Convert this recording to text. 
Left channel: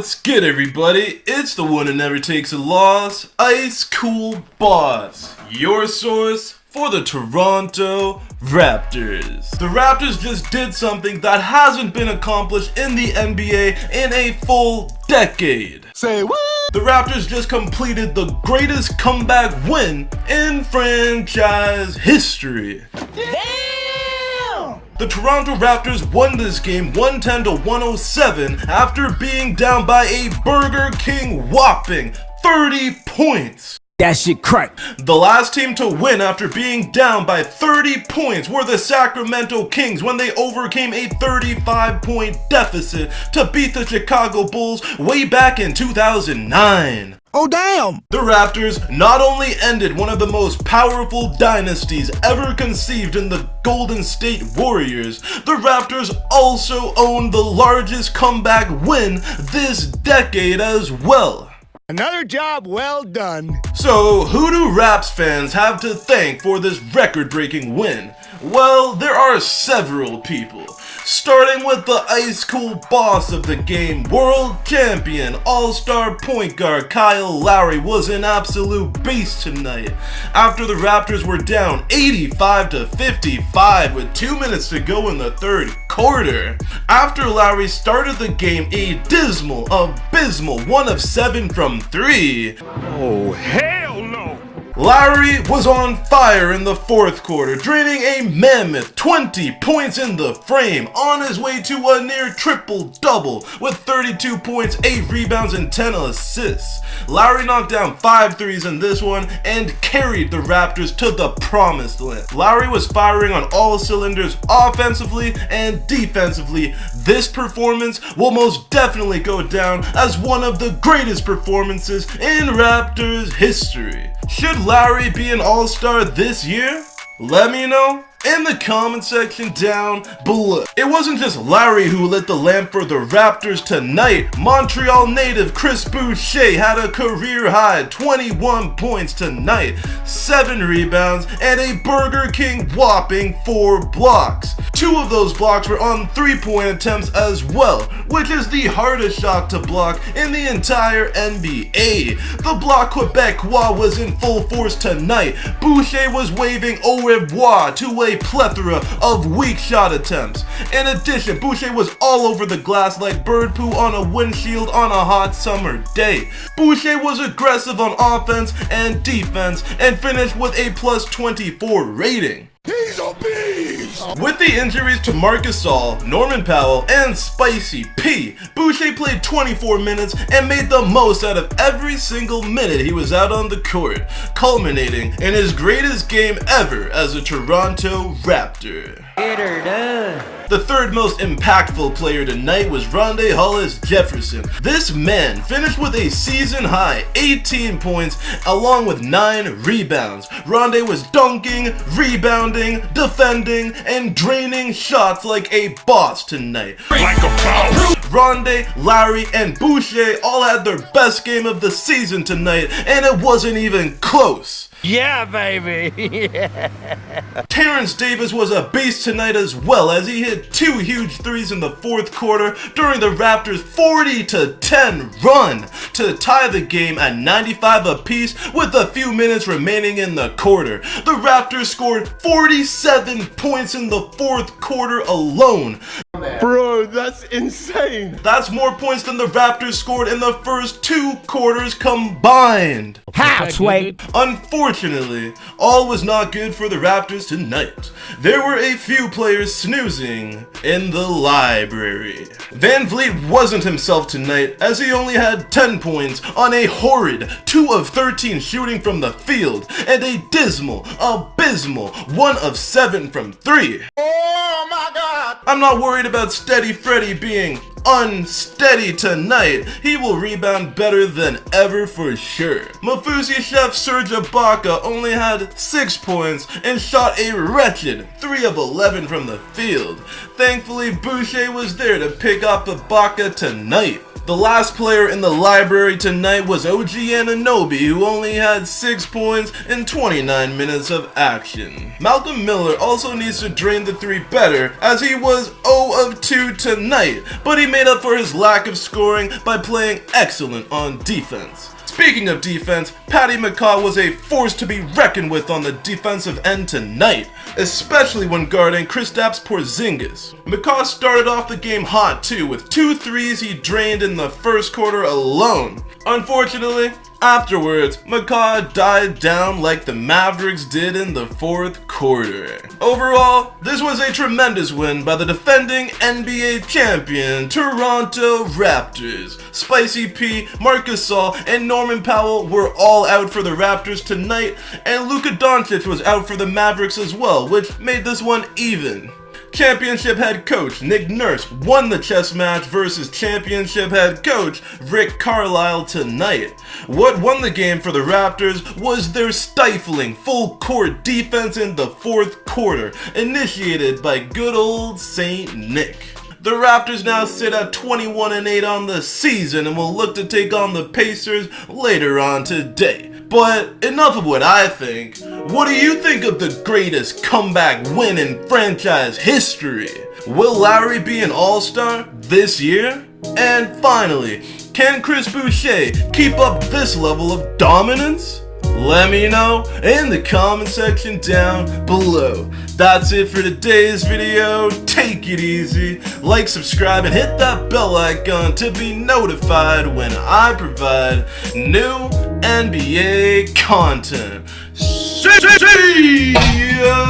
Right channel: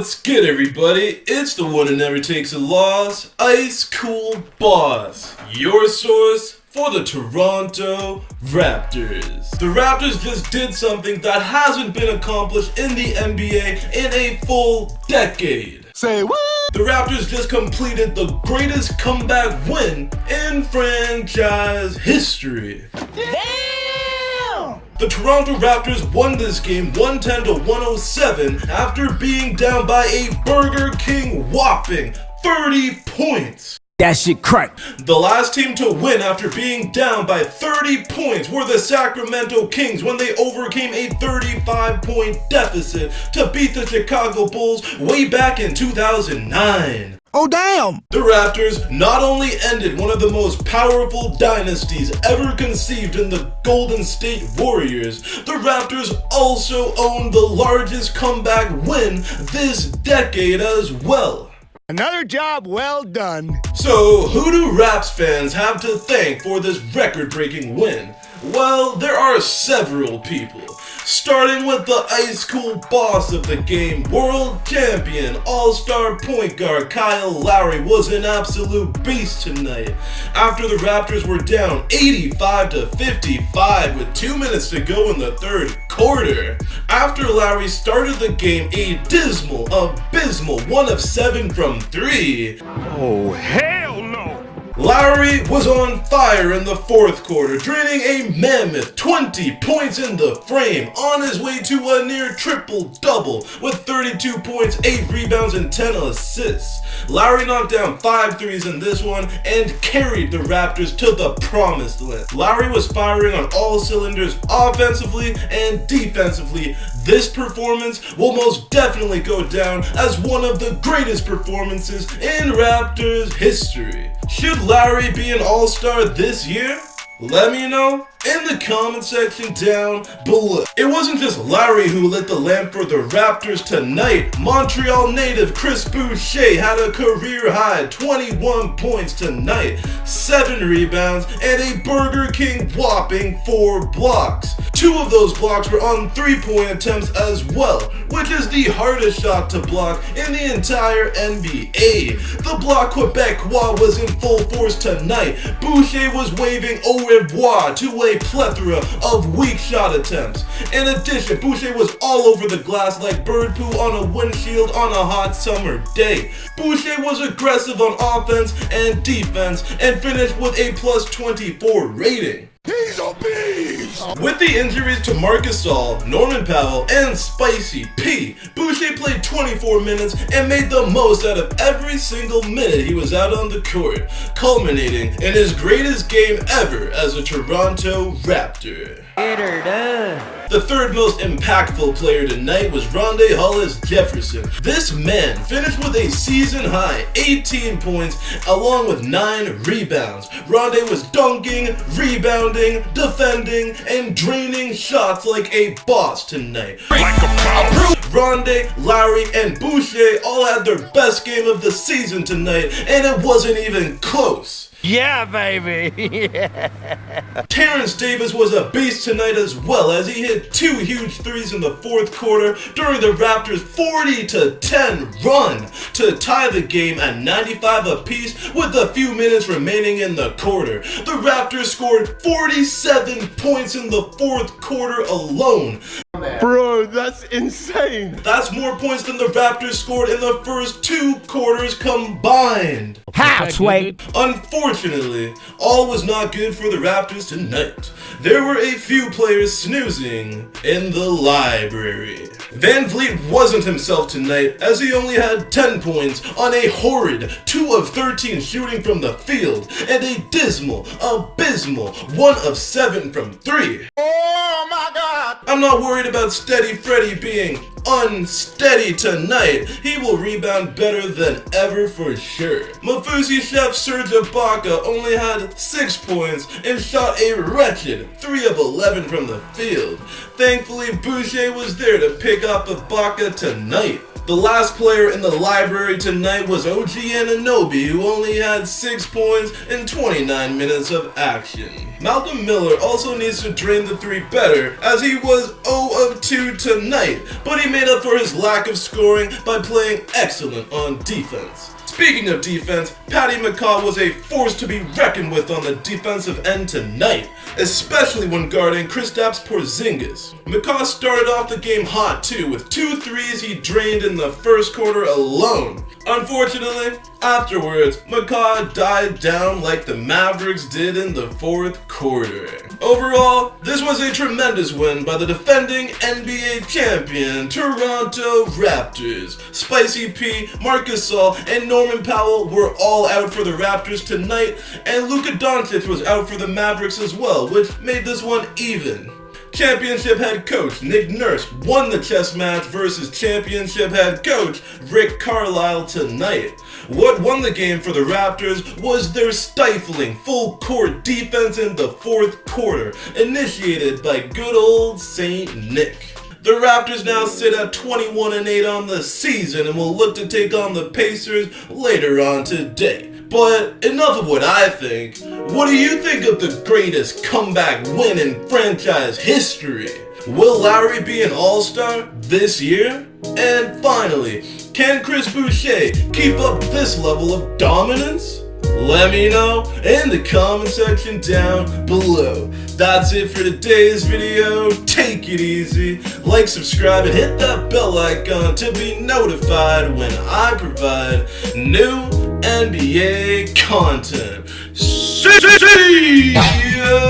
What's good, everybody? It's the one who never takes a loss, ICECOOLBOSS, your source for the Toronto Raptors. The Raptors just did something that hasn't been accomplished in the NBA in a full decade. Say what? The Raptors just completed the greatest comeback win in franchise history. Damn! The Toronto Raptors won this game 110-107 after being down by a Burger King whopping 30 points. That shit crack. The last team to win after being down by 30 points were the Sacramento Kings when they overcame a 35-point deficit to beat the Chicago Bulls way back in 2009. Oh damn! The Raptors not only ended one of the most powerful dynasties ever conceived in the Golden State Warriors, the Raptors also owned the largest comeback win this decade as well. Another job well done. So, who do Raps fans have to thank for this record-breaking win? Well, there are several people. Starting with the ice cool boss of the game, world champion, all-star point guard Kyle Lowry was an absolute beast tonight. After the Raptors were down 85-55 with 2 minutes to go in the third quarter. After Lowry started the game a abysmal 1 of 7 from 3. Oh, hell no! Lowry was on fire in the fourth quarter, draining a mammoth 20 points in the frame, on his way to a near triple-double with 32 points, 8 rebounds, and 10 assists. Lowry knocked down 5 threes in this one and carried the Raptors to the promised land. Lowry was firing on all cylinders offensively and defensively. This performance will most definitely go down as one of the greatest performances in Raptors history. Should Lowry be an all-star this year? Let me know in the comment section down below. It wasn't just Lowry who lit the lamp for the Raptors tonight. Montreal native Chris Boucher had a career-high 21 points tonight, 7 rebounds, and a Burger King whopping 4 blocks. 2 of those blocks were on 3-point attempts as well, which is the hardest shot to block in the entire NBA. The block Quebecois was in full force tonight. Boucher was waving au revoir to a plethora of weak shot attempts. In addition, Boucher was all over the glass like bird poo on a windshield on a hot summer day. Boucher was aggressive on offense and defense and finished with a +24 rating. He's a beast! With the injuries to Marc, Norman Powell, and Spicy P, Boucher played 24 minutes and made the most out of every single minute he was out on the court, culminating in his greatest game ever as a Toronto Raptor. Get her done. The third most impactful player tonight was Rondae Hollis-Jefferson. This man finished with a season-high 18 points along with 9 rebounds. Rondae was dunking, rebounding, defending, and draining shots like a boss tonight. Rondae, Lowry, and Boucher all had their best game of the season tonight, and it wasn't even close. Yeah, baby! Yeah. Terrence Davis was a beast tonight as well as he hit 2 huge threes in the fourth quarter during the Raptors' 40-10 run to tie the game at 95 apiece with a few minutes remaining in the quarter. The Raptors scored 47 points in the fourth quarter alone. Bro, that's insane! That's more points than the Raptors scored in the first 2 quarters combined. How, Sway? Unfortunately, all was not good for the Raptors tonight. There were a few players snoozing in the library. Van Vliet wasn't himself tonight as he only had 10 points on a horrid 2 of 13 shooting from the field and a dismal, abysmal 1 of 7 from 3. Oh my god! I'm not worried about Steady Freddy being unsteady tonight. He will rebound better than ever for sure. Mafusi chef Serge Ibaka only had 6 points and shot a wretched 3 of 11 from the field. Thankfully, Boucher was there to pick up Ibaka tonight. The last player in the library tonight was OG Anunoby, who only had 6 points in 29 minutes of action. Malcolm Miller also needs to drain the three better, as he was 0 of 2 tonight, but he made up for his lack of scoring by playing excellent on defense. Speaking of defense, Patty McCaw was a force to be reckoned with on the defensive end tonight, especially when guarding Kristaps Porzingis. McCaw started off the game hot too, with 2 threes he drained in the first quarter alone. Unfortunately, afterwards, McCaw died down like the Mavericks did in the fourth quarter. Overall, this was a tremendous win by the defending NBA champion Toronto Raptors. Spicy P, Marc Gasol, and Norman Powell were all out for the Raptors tonight, and Luka Doncic was out for the Mavericks as well, which made this one even. Championship head coach Nick Nurse won the chess match versus championship head coach Rick Carlisle tonight. What won the game for the Raptors was their stifling full-court defense in the fourth quarter, initiated by good old Saint Nick. The Raptors now sit at 21-8 on the season and will look to take on the Pacers later on today. But enough of what I think. What do you think of the greatest comeback win in franchise history? Will Lowry be an all-star this year? And finally, can Chris Boucher keep up this level of dominance? Let me know in the comment section down below. That's it for today's video. Take it easy. Like, subscribe, and hit that bell icon to be notified when I provide new NBA content. See ya!